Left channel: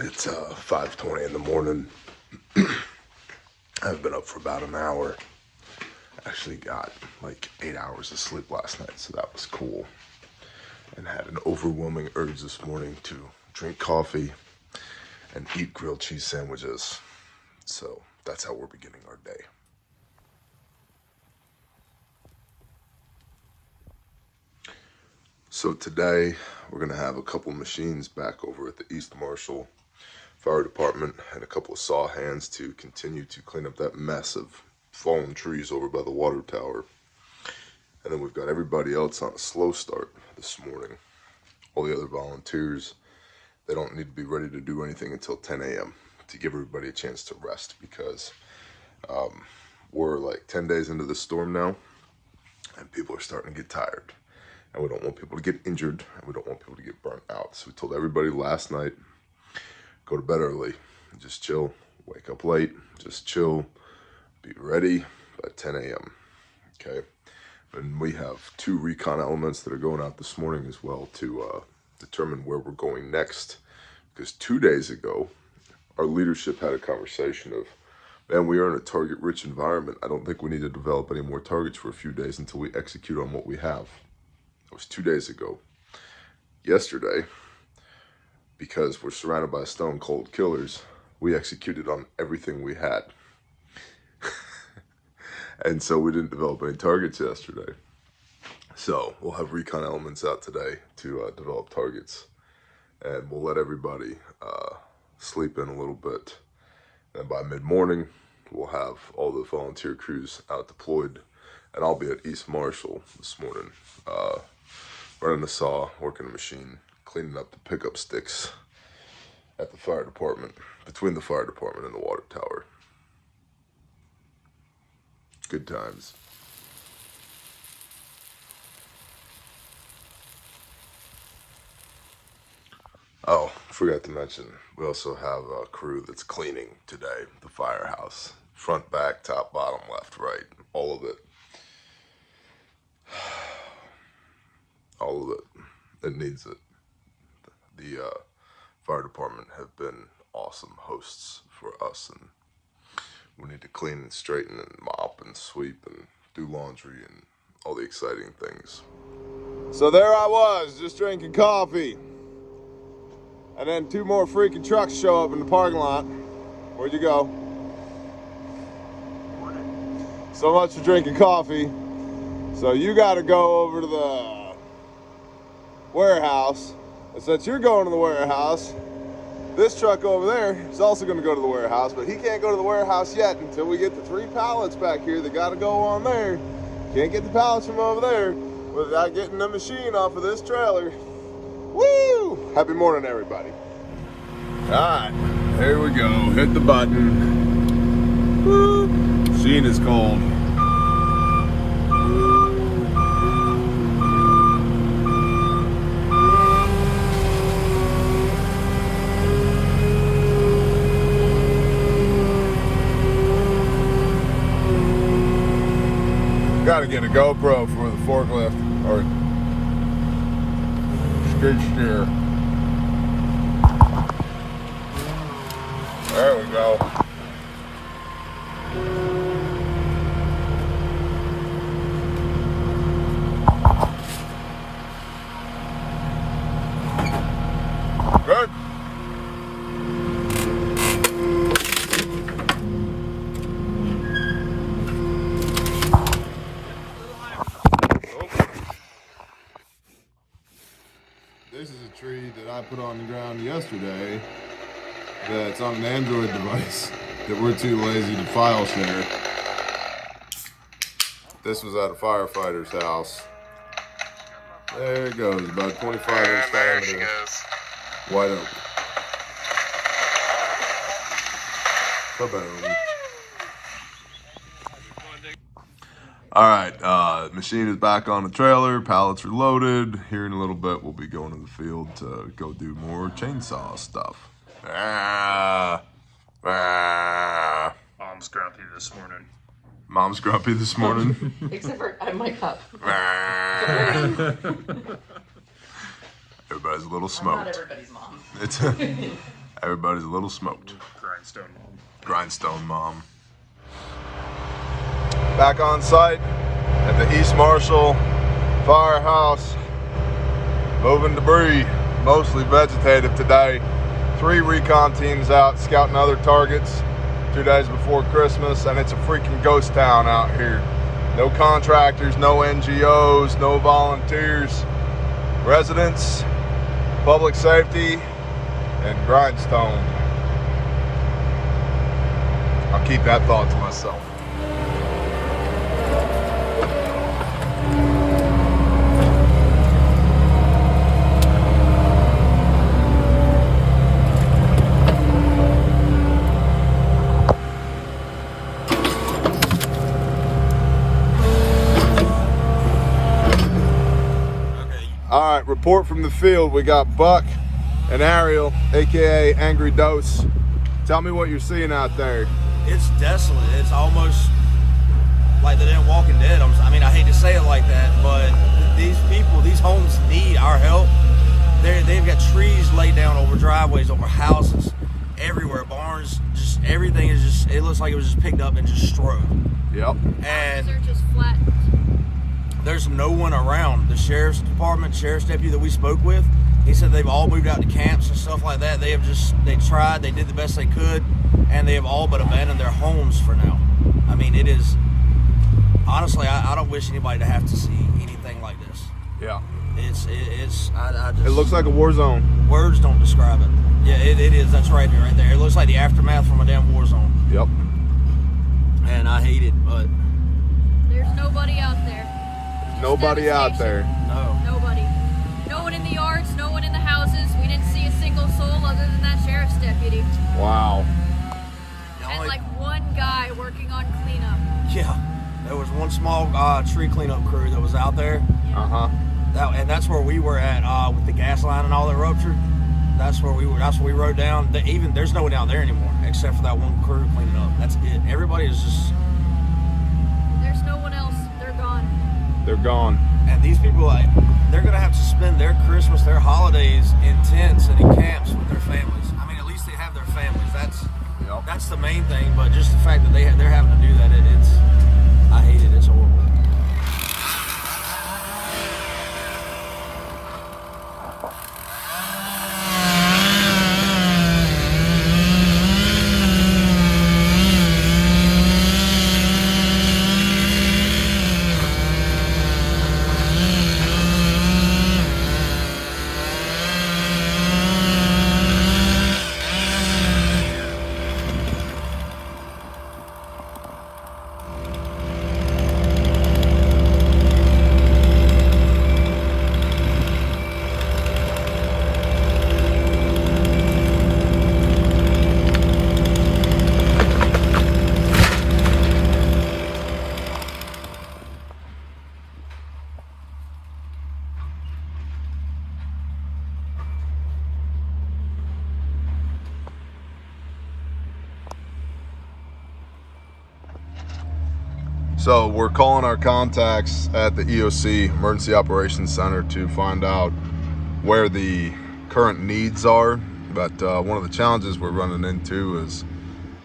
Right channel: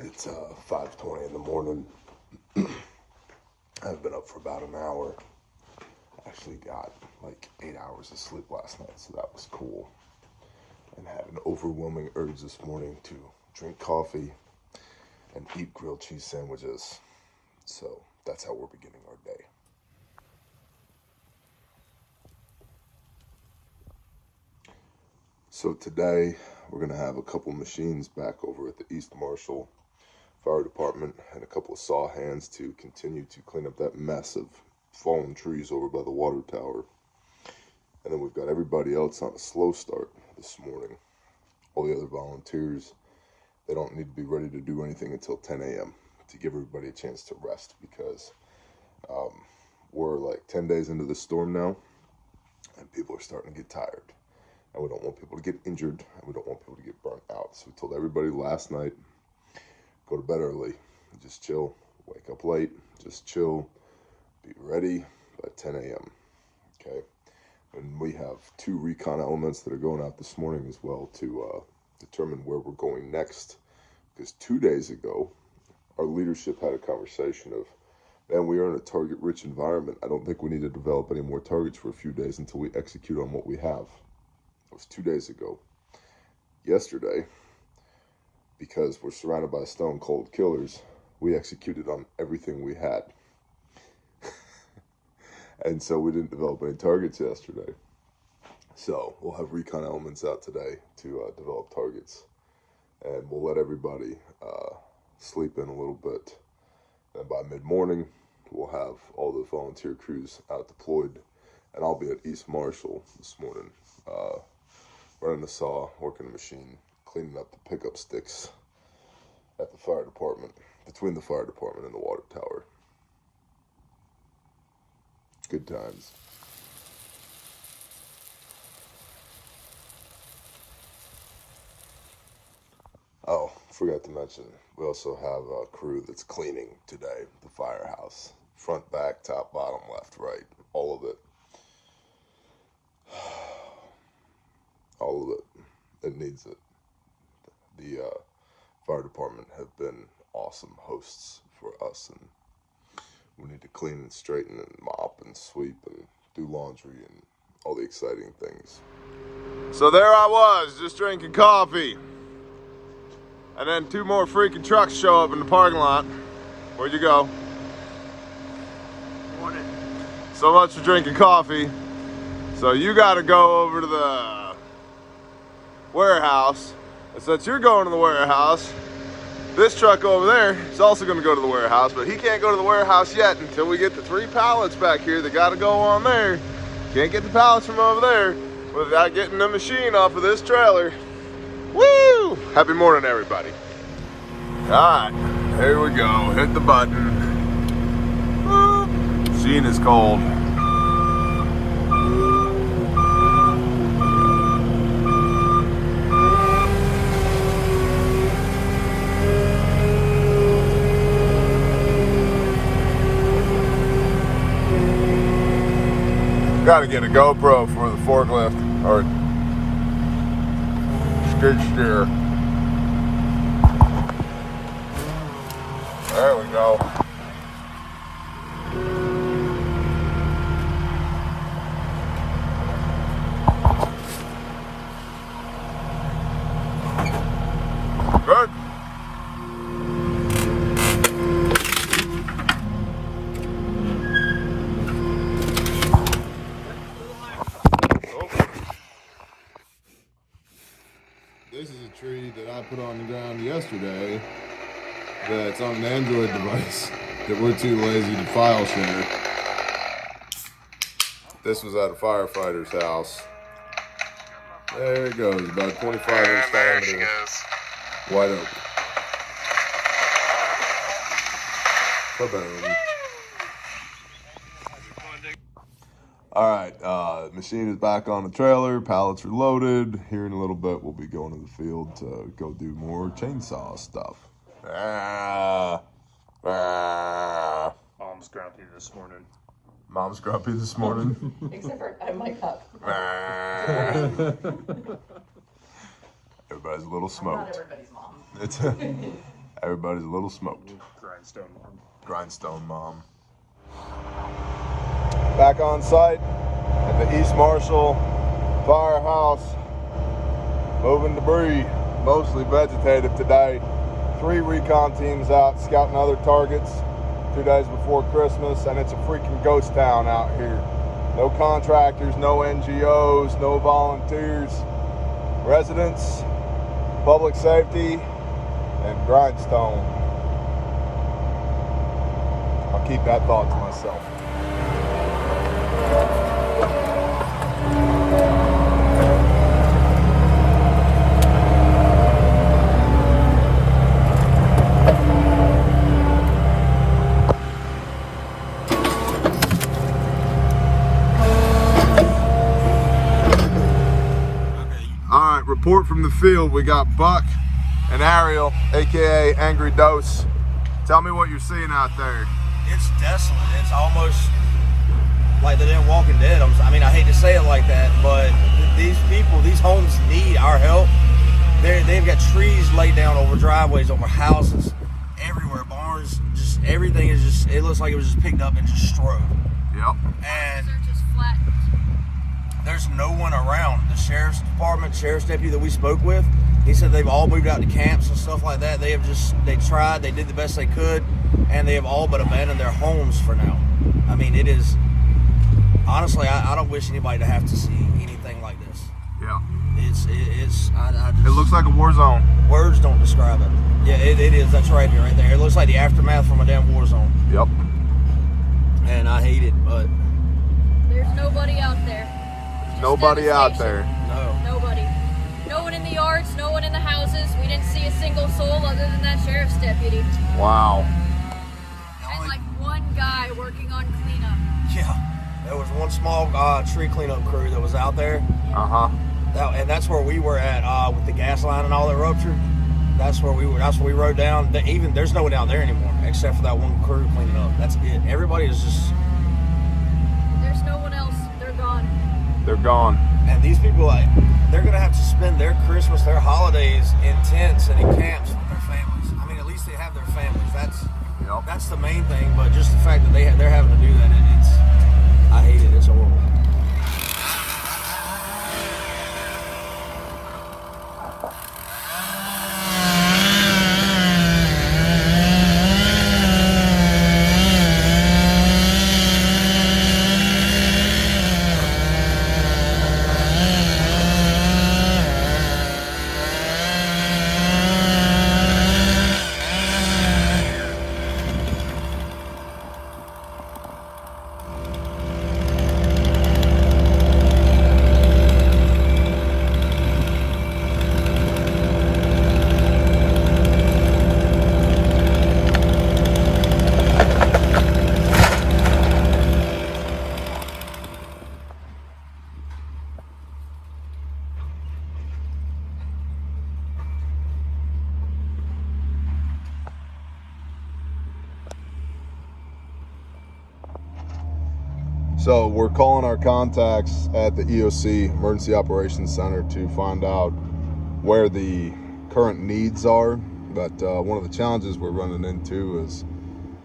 It's 5:20 in the morning. I've been up for about an hour. Actually got like 8 hours of sleep last night, so that was cool. And had an overwhelming urge this morning to drink coffee and eat grilled cheese sandwiches. So that's how we're beginning our day. So today we're gonna have a couple machines back over at the East Marshall Fire Department and a couple of saw hands to continue to clean up that mess of fallen trees over by the water tower. And then we've got everybody else on a slow start this morning. All the other volunteers, they don't need to be ready to do anything until 10 a.m. to give everybody a chance to rest, because we're like 10 days into the storm now and people are starting to get tired. And we don't want people to get injured, and we don't want people to get burnt out. So we told everybody last night, go to bed early, just chill, wake up late, just chill, be ready by 10 a.m. Okay? And we have 2 recon elements that are going out this morning as well to determine where we're going next. Because 2 days ago, our leadership had a conversation of, man, we are in a target-rich environment. I don't think we need to develop any more targets for a few days until we execute on what we have. That was 2 days ago. Yesterday, because we're surrounded by stone cold killers, we executed on everything we had. And so we didn't develop any targets yesterday. So we'll have recon elements out today to develop targets. And we'll let everybody sleep in a little bit. And by mid-morning, we'll have all the volunteer crews out deployed. And I'll be at East Marshall this morning, running the saw, working the machine, cleaning up the pickup sticks at the fire department, between the fire department and the water tower. Good times. Oh, forgot to mention, we also have a crew that's cleaning today, the firehouse. Front, back, top, bottom, left, right, all of it. All of it. It needs it. The fire department have been awesome hosts for us, and we need to clean and straighten and mop and sweep and do laundry and all the exciting things. So there I was, just drinking coffee. And then 2 more freaking trucks show up in the parking lot. Where'd you go? Morning. So much for drinking coffee. So you gotta go over to the warehouse. And since you're going to the warehouse, this truck over there is also gonna go to the warehouse, but he can't go to the warehouse yet until we get the 3 pallets back here that gotta go on there. Can't get the pallets from over there without getting the machine off of this trailer. Woo! Happy morning, everybody. All right, here we go. Hit the button. Woo! Machine is cold. Got to get a GoPro for the forklift or skid steer. There we go. Good. This is a tree that I put on the ground yesterday that's on an Android device that we're too lazy to file share. This was at a firefighter's house. There it goes, about 25 inch diameter. Wide open. Ba-boom. Alright, machine is back on the trailer, pallets are loaded. Here in a little bit we'll be going to the field to go do more chainsaw stuff. Mom's grumpy this morning. Mom's grumpy this morning. Except for I'm my cup. Everybody's a little smoked. Not everybody's mom. It's Everybody's a little smoked. Grindstone Mom. Grindstone Mom. Back on site at the East Marshall Firehouse. Moving debris, mostly vegetative today. 3 recon teams out scouting other targets 2 days before Christmas, and it's a freaking ghost town out here. No contractors, no NGOs, no volunteers. Residents, public safety, and Grindstone. I'll keep that thought to myself. All right, report from the field. We got Buck and Ariel, aka Angry Dose. Tell me what you're seeing out there. It's desolate. It's almost like the damn Walking Dead. I mean, I hate to say it like that, but these people, these homes need our help. They've got trees laid down over driveways, over houses, everywhere, barns. Just everything is just. It looks like it was just picked up and just destroyed. Yep. And they're just flattened. there's no one around. The sheriff's department, sheriff's deputy that we spoke with, he said they've all moved out to camps and stuff like that. They tried, they did the best they could, and they have all but abandoned their homes for now. I mean, it is, honestly, I don't wish anybody to have to see anything like this. Yeah. It looks like a war zone. Words don't describe it. Yeah, it is. That's right there. It looks like the aftermath from a damn war zone. Yep. And I hate it, but There's nobody out there. Just nobody out there. no. Nobody. No one in the yards, no one in the houses. We didn't see a single soul other than that sheriff's deputy. Wow. And like one guy working on cleanup. Yeah. There was one small tree cleanup crew that was out there. Uh-huh. And that's where we were at with the gas line and all that ruptured. That's where we were. That's where we rode down. Even there's no one down there anymore except for that one crew cleaning up. That's it. Everybody is just. There's no one else. They're gone. They're gone. And these people, they're gonna have to spend their Christmas, their holidays in tents and in camps with their families. I mean, at least they have their families. That's the main thing. But just the fact that they're having to do that, I hate it. It's horrible. So we're calling our contacts at the EOC, Emergency Operations Center, to find out where the current needs are. But one of the challenges we're running into is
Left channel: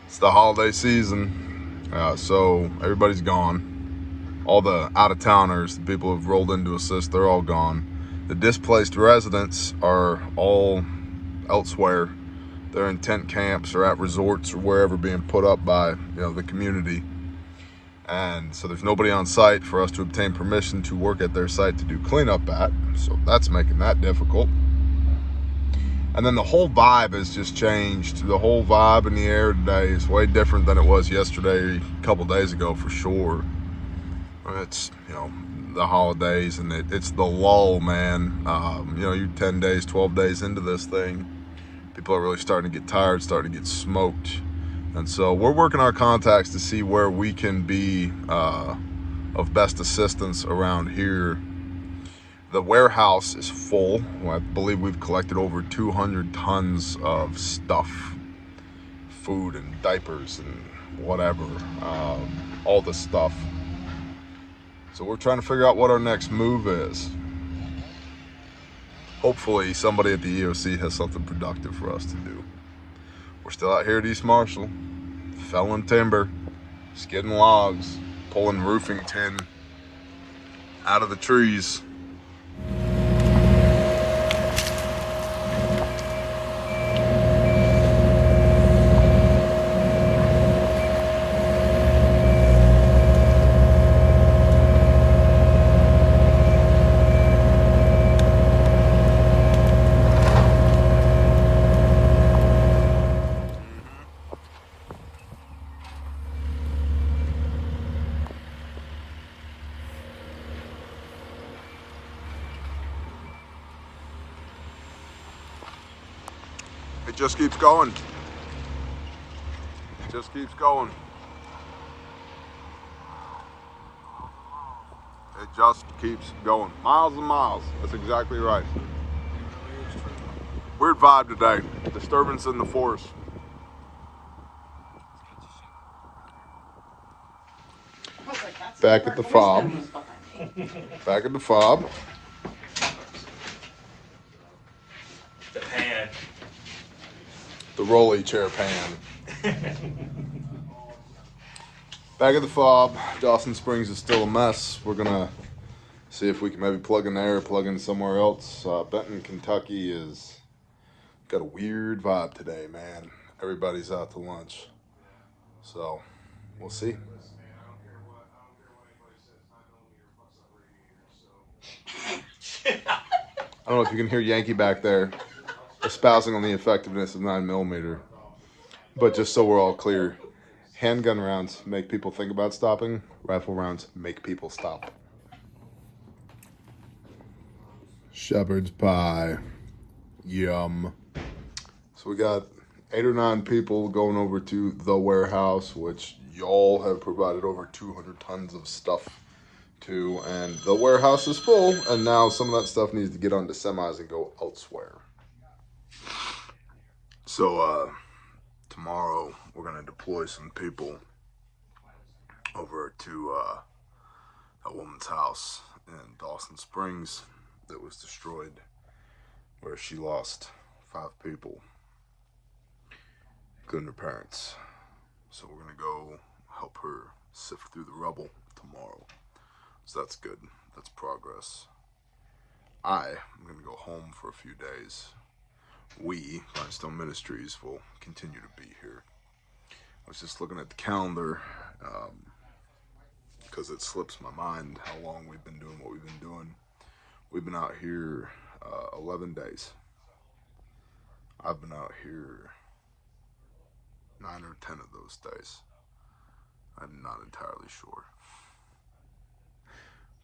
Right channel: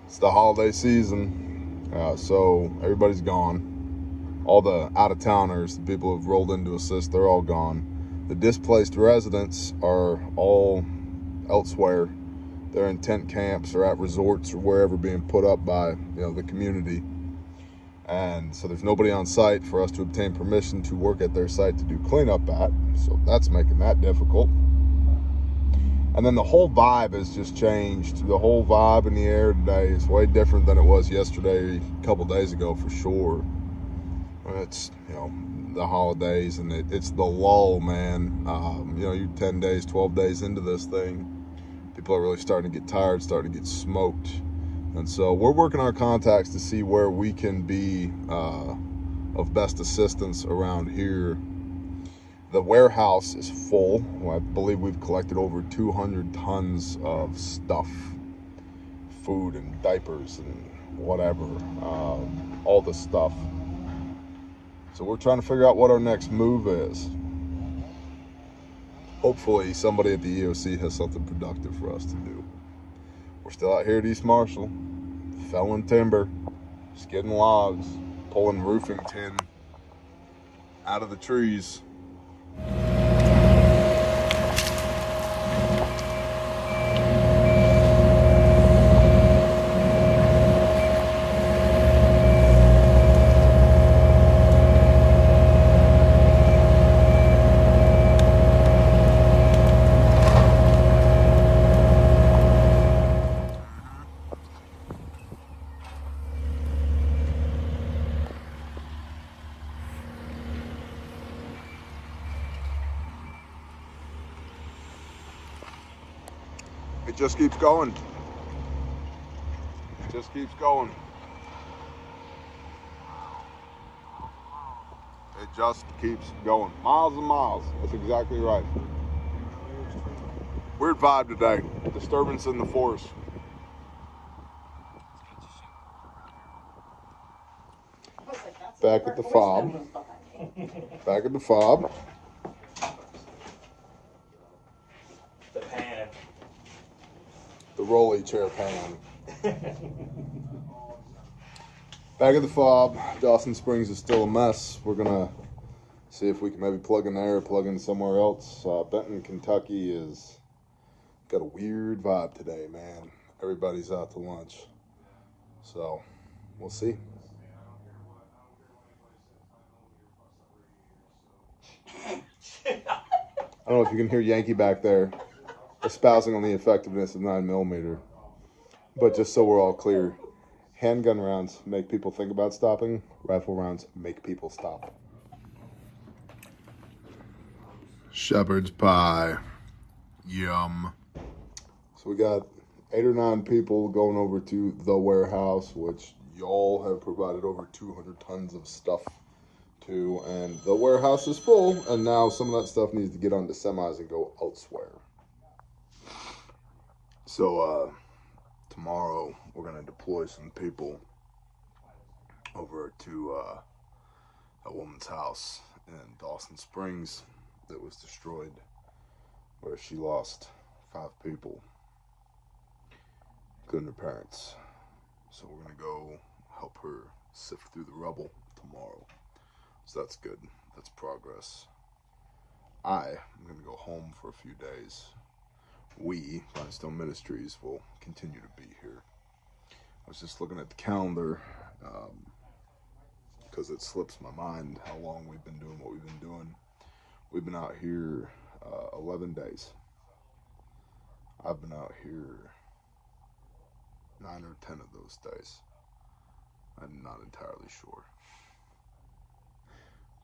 it's the holiday season, so everybody's gone. All the out-of-towners, the people who've rolled in to assist, they're all gone. The displaced residents are all elsewhere. They're in tent camps or at resorts or wherever, being put up by the community. And so there's nobody on site for us to obtain permission to work at their site to do cleanup at. So that's making that difficult. And then the whole vibe has just changed. The whole vibe in the air today is way different than it was yesterday, a couple days ago for sure. It's, the holidays, and it's the lull, man. You're 10 days, 12 days into this thing. People are really starting to get tired, starting to get smoked. And so we're working our contacts to see where we can be of best assistance around here. The warehouse is full. I believe we've collected over 200 tons of stuff, food and diapers and whatever, all the stuff. So we're trying to figure out what our next move is. Hopefully somebody at the EOC has something productive for us to do. We're still out here at East Marshall, felling timber, skidding logs, pulling roofing tin out of the trees. It just keeps going. It just keeps going. It just keeps going. Miles and miles. That's exactly right. Weird vibe today. Disturbance in the forest. Back at the fob. Back at the fob. The pan. The rolly chair pan. Back at the fob. Dawson Springs is still a mess. We're gonna see if we can maybe plug in there, plug in somewhere else. Benton, Kentucky is got a weird vibe today, man. Everybody's out to lunch. So, we'll see. I don't know if you can hear Yankee back there espousing on the effectiveness of 9mm. But just so we're all clear, handgun rounds make people think about stopping. Rifle rounds make people stop. Shepherd's pie. Yum. So we got 8 or 9 people going over to the warehouse, which y'all have provided over 200 tons of stuff to, and the warehouse is full, and now some of that stuff needs to get onto semis and go elsewhere. So tomorrow we're gonna deploy some people over to a woman's house in Dawson Springs that was destroyed, where she lost 5 people, including her parents. So we're gonna go help her sift through the rubble tomorrow. So that's good. That's progress. I am going to go home for a few days. We, Grindstone Ministries, will continue to be here. I was just looking at the calendar because it slips my mind how long we've been doing what we've been doing. We've been out here 11 days. I've been out here 9 or 10 of those days. I'm not entirely sure.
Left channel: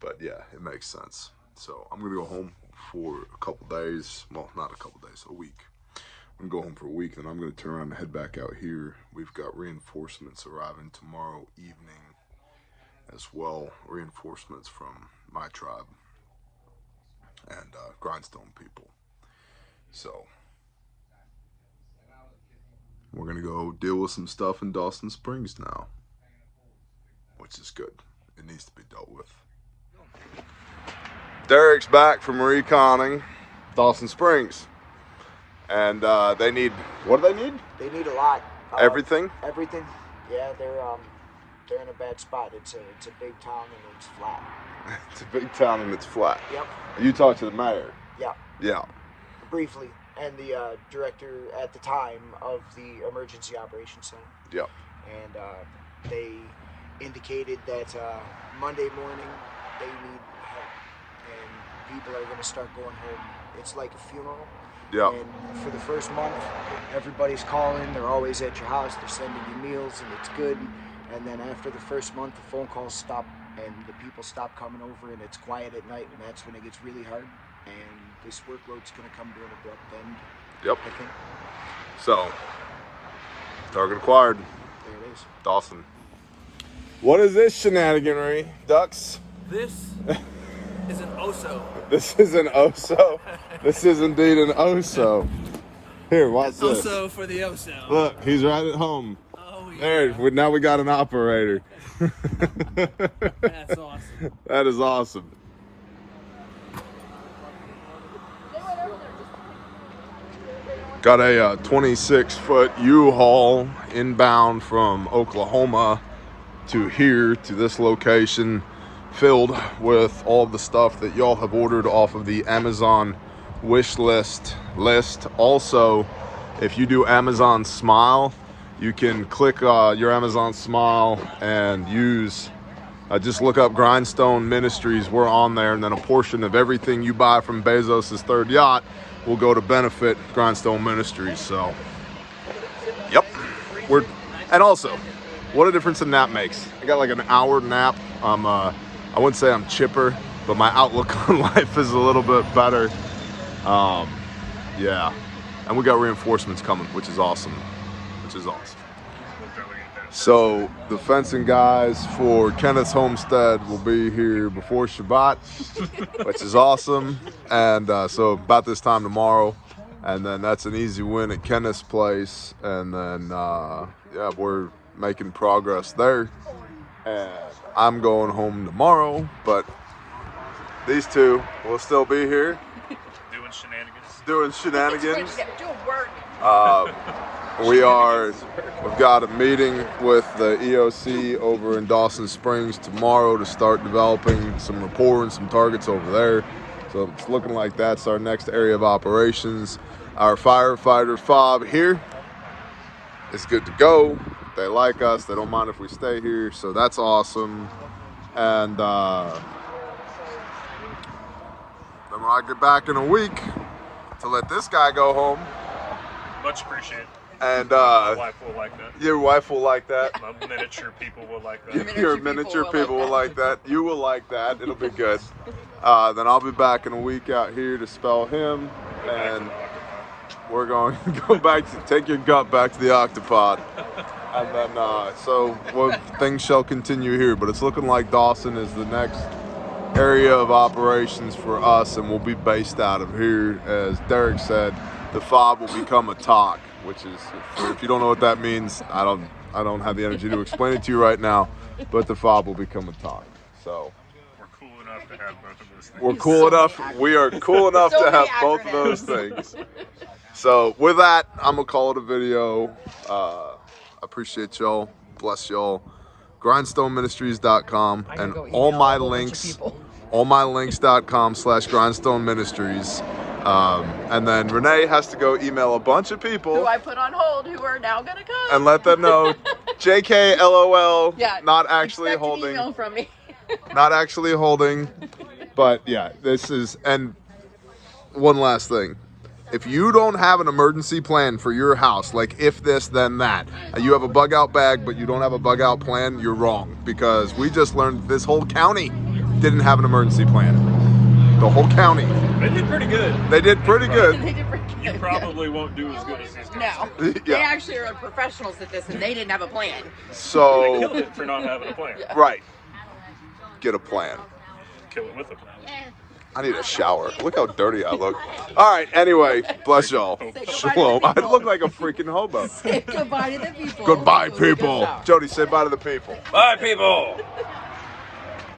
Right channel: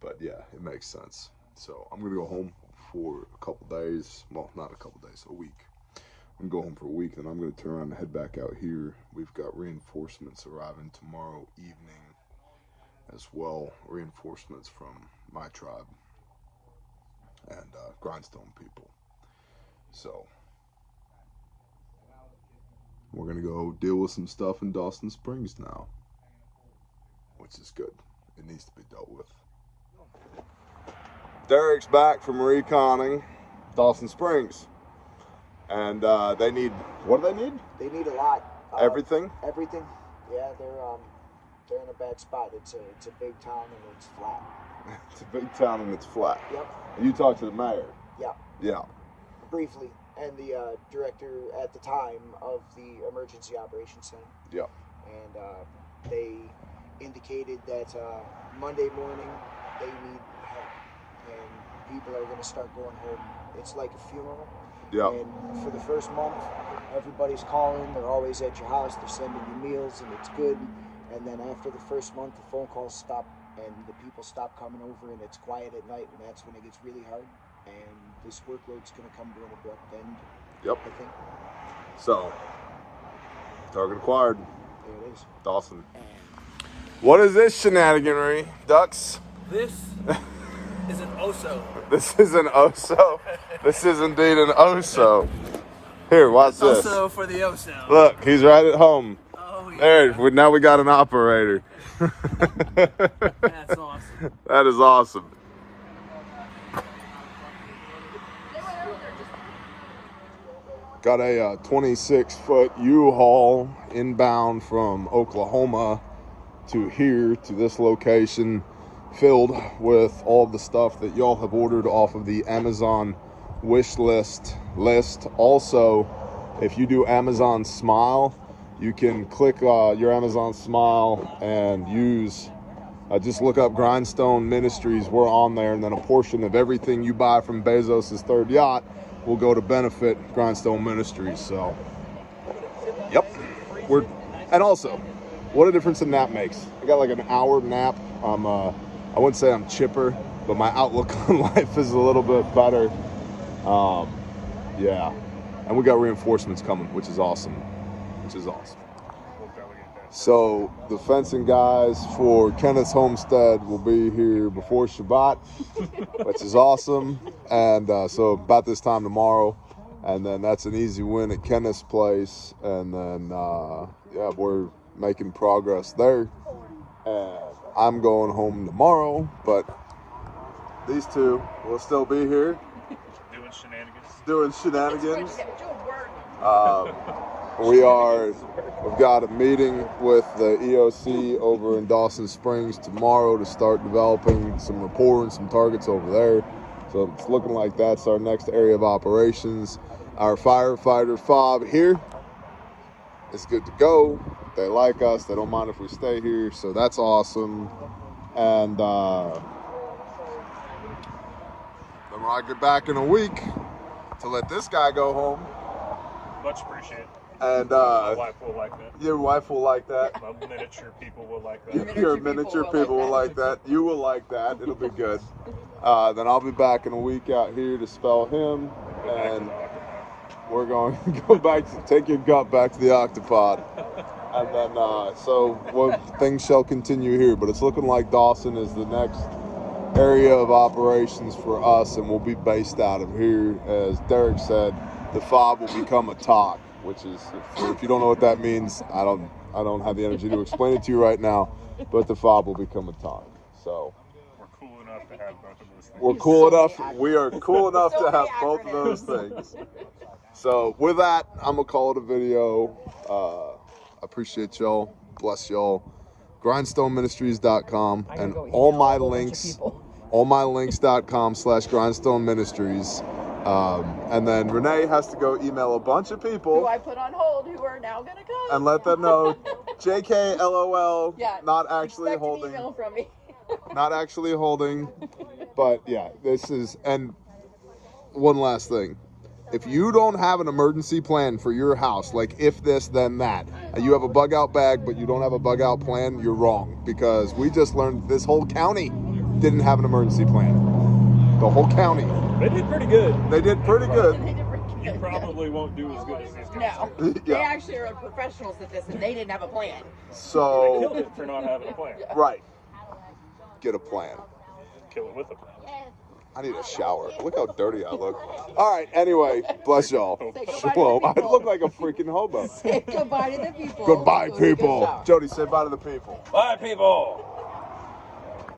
But yeah, it makes sense. So I'm going to go home for a couple days. Well, not a couple days, a week. I'm going to go home for a week, and I'm going to turn around and head back out here. We've got reinforcements arriving tomorrow evening as well. Reinforcements from my tribe and Grindstone people. So we're going to go deal with some stuff in Dawson Springs now, which is good. It needs to be dealt with. Derek's back from reconning Dawson Springs, and they need, what do they need? They need a lot. Everything? Everything. Yeah, they're in a bad spot. It's a big town and it's flat. It's a big town and it's flat. Yep. You talked to the mayor? Yeah. Yeah. Briefly, and the director at the time of the Emergency Operations Center. Yeah. And they indicated that Monday morning they need help. And people are going to start going home. It's like a funeral. Yeah. And for the first month, everybody's calling. They're always at your house. They're sending you meals, and it's good. And then after the first month, the phone calls stop, and the people stop coming over, and it's quiet at night, and that's when it gets really hard. And this workload's going to come to an abrupt end. Yep. I think. So, target acquired. There it is. Dawson. What is this shenaniganry, ducks? This is an oso. This is an oso. This is indeed an oso. Here, watch this. Oso for the oso. Look, he's right at home. Oh, yeah. There, now we got an operator. That's awesome. That is awesome. Got a 26-foot U-Haul inbound from Oklahoma to here, to this location, filled with all the stuff that y'all have ordered off of the Amazon wish list. Also, if you do Amazon Smile, you can click your Amazon Smile and use, just look up Grindstone Ministries. We're on there, and then a portion of everything you buy from Bezos' third yacht will go to benefit Grindstone Ministries. So, yep. And also, what a difference a nap makes. I got like an hour nap. I wouldn't say I'm chipper, but my outlook on life is a little bit better. Yeah. And we got reinforcements coming, which is awesome. So the fencing guys for Kenneth's homestead will be here before Shabbat, which is awesome. And so about this time tomorrow, and then that's an easy win at Kenneth's place. And then yeah, we're making progress there. And I'm going home tomorrow, but these two will still be here doing shenanigans. Doing work. We've got a meeting with the EOC over in Dawson Springs tomorrow to start developing some rapport and some targets over there. So it's looking like that's our next area of operations. Our firefighter fob here is good to go. They like us. They don't mind if we stay here. So that's awesome. And then when I get back in a week to let this guy go home. Much appreciated. And my wife will like that. Your wife will like that. My miniature people will like that. Your miniature people will like that. You will like that. It'll be good. Then I'll be back in a week out here to spell him, and we're going to go back to take your gut back to the octopod. And then so things shall continue here, but it's looking like Dawson is the next area of operations for us, and we'll be based out of here. As Derek said, the fob will become a talk, which is, if you don't know what that means, I don't have the energy to explain it to you right now, but the fob will become a talk. So we're cool enough to have both of those things. We are cool enough to have both of those things. So with that, I'm gonna call it a video. Appreciate y'all. Bless y'all. GrindstoneMinistries.com and all my links.com/Grindstone Ministries. And then Renee has to go email a bunch of people Who I put on hold, who are now gonna come. and let them know JK LOL, Yeah, not actually expect holding. an email from me. Not actually holding. But yeah, this is, and one last thing. If you don't have an emergency plan for your house, like if this, then that, you have a bug out bag, but you don't have a bug out plan, you're wrong. Because we just learned this whole county didn't have an emergency plan. The whole county. They did pretty good. They did pretty good. They did pretty good. You probably won't do as good as these guys. No, Yeah. they actually are professionals at this, and they didn't have a plan. They So, killed it for not having a plan. right. Get a plan. Kill it with a plan. I need a shower. Look how dirty I look. All right, anyway, bless y'all. Shalom. I look like a freaking hobo. Say goodbye to the people. Goodbye, people. Jody, say bye to the people. Bye, people.